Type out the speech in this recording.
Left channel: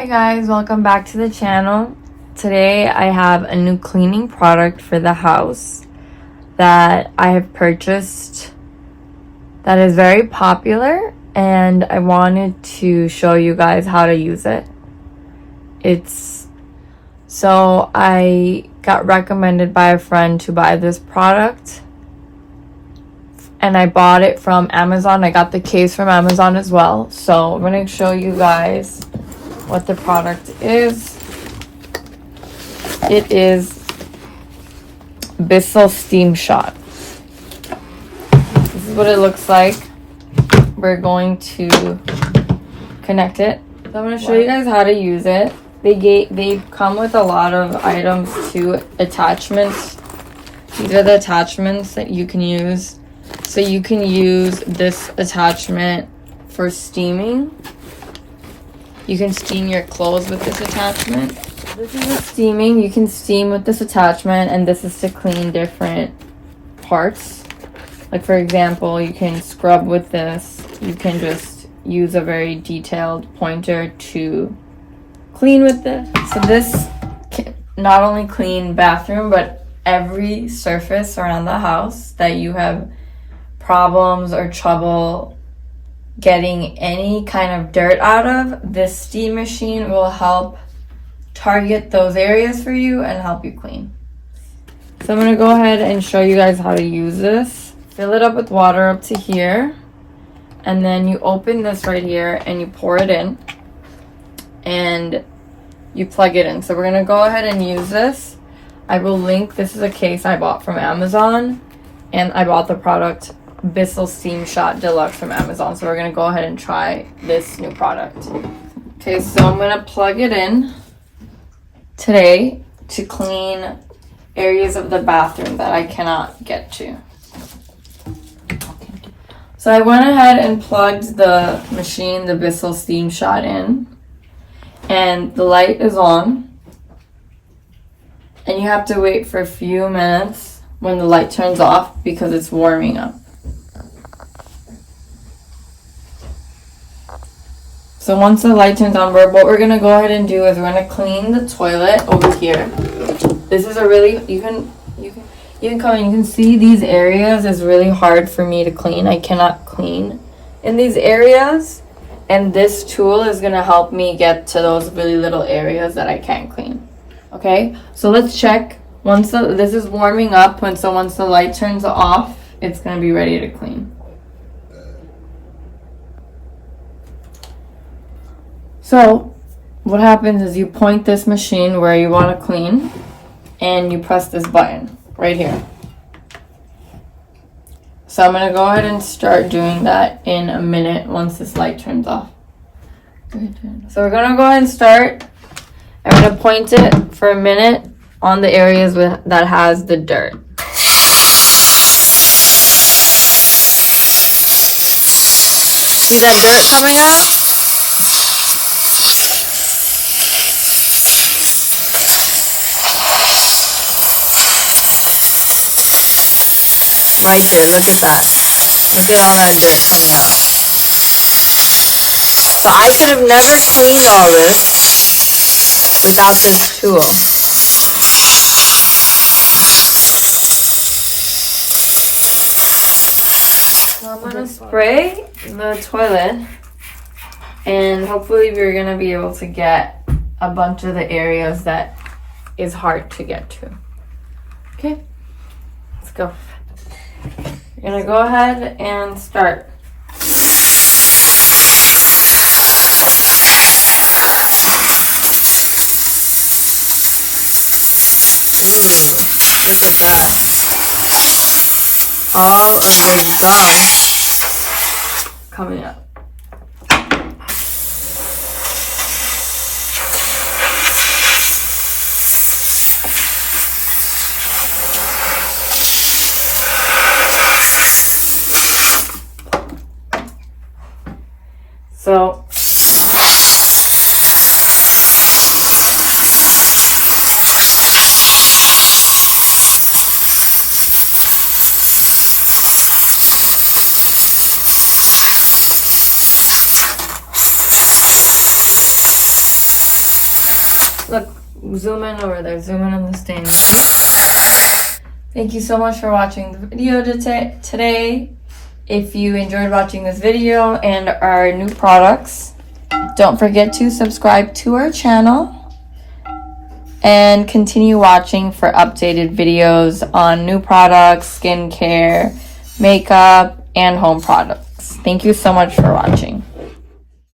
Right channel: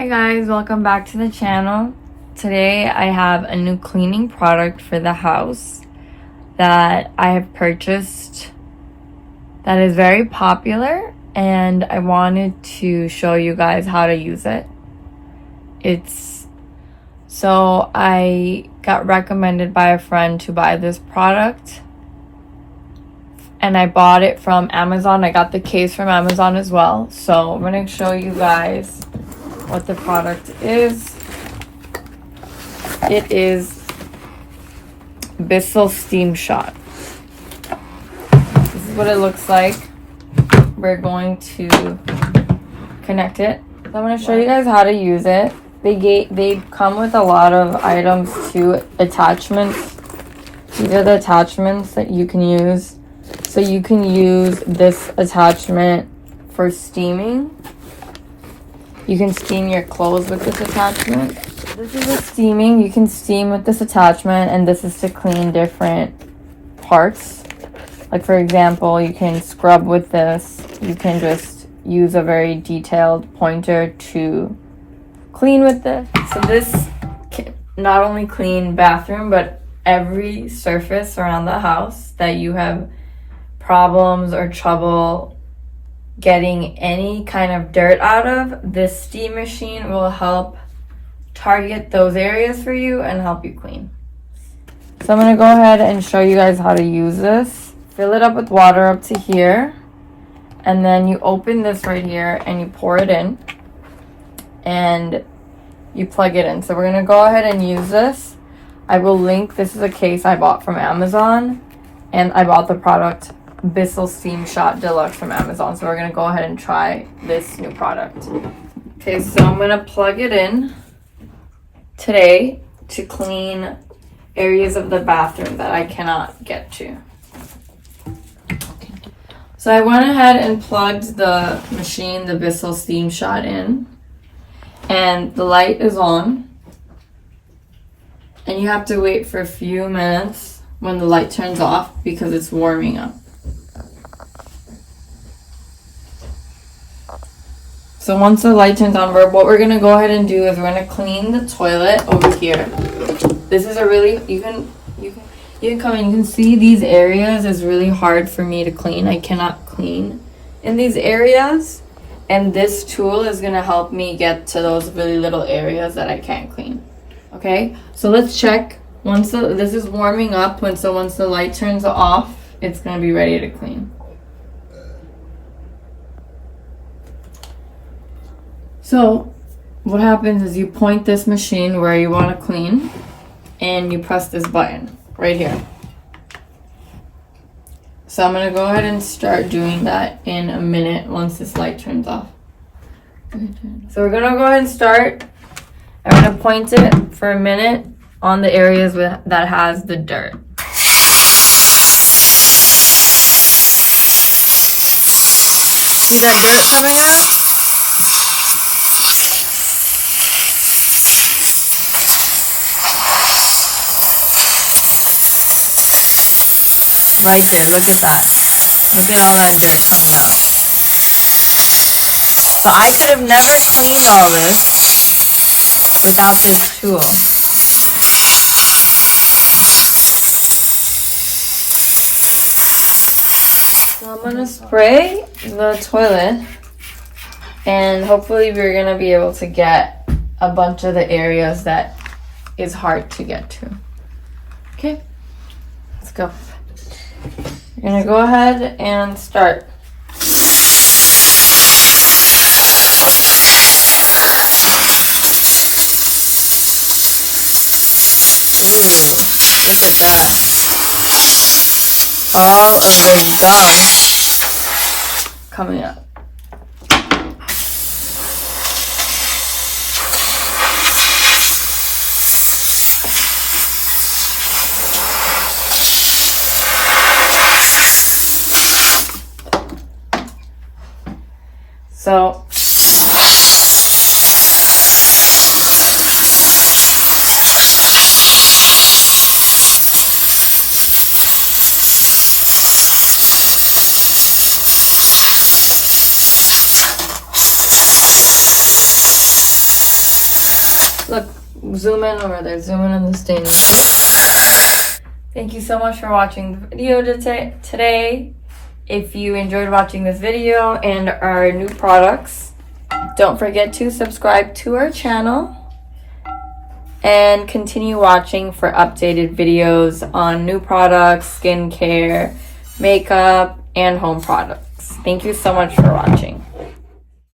Hi guys, welcome back to the channel. Today I have a new cleaning product for the house that I have purchased that is very popular, and I wanted to show you guys how to use it. So I got recommended by a friend to buy this product, and I bought it from Amazon. I got the case from Amazon as well. So I'm going to show you guys what the product is. It is Bissell Steam Shot. This is what it looks like. We're going to connect it. So I'm going to show you guys how to use it. They come with a lot of items too, attachments. These are the attachments that you can use. So you can use this attachment for steaming. You can steam your clothes with this attachment. This is a steaming. You can steam with this attachment, and this is to clean different parts. Like for example, you can scrub with this. You can just use a very detailed pointer to clean with this. So this can not only clean bathroom, but every surface around the house that you have problems or trouble getting any kind of dirt out of. This steam machine will help target those areas for you and help you clean. So I'm going to go ahead and show you guys how to use this. Fill it up with water up to here, and then you open this right here and you pour it in and you plug it in. So we're going to go ahead and use this. I will link, this is a case I bought from Amazon, and I bought the product Bissell Steam Shot Deluxe from Amazon. So we're going to go ahead and try this new product. Okay, so I'm going to plug it in today to clean areas of the bathroom that I cannot get to. So I went ahead and plugged the machine, the Bissell Steam Shot, in, and the light is on, and you have to wait for a few minutes when the light turns off because it's warming up. So once the light turns on, what we're going to go ahead and do is we're going to clean the toilet over here. This is a really, you can come in, you can see these areas is really hard for me to clean. I cannot clean in these areas, and this tool is going to help me get to those really little areas that I can't clean. Okay, so let's check. This is warming up, once the light turns off, it's going to be ready to clean. So what happens is you point this machine where you want to clean, and you press this button right here. So I'm going to go ahead and start doing that in a minute once this light turns off. So we're going to go ahead and start. I'm going to point it for a minute on the areas that has the dirt. See that dirt coming out? Right there, look at that. Look at all that dirt coming out. So I could have never cleaned all this without this tool. So I'm gonna spray the toilet, and hopefully we're gonna be able to get a bunch of the areas that is hard to get to. Okay, let's go. You're gonna go ahead and start. Ooh, look at that. All of the gum coming up. So Look, zoom in over there. Zoom in on the stain. Thank you so much for watching the video today. If you enjoyed watching this video and our new products, don't forget to subscribe to our channel and continue watching for updated videos on new products, skincare, makeup, and home products. Thank you so much for watching.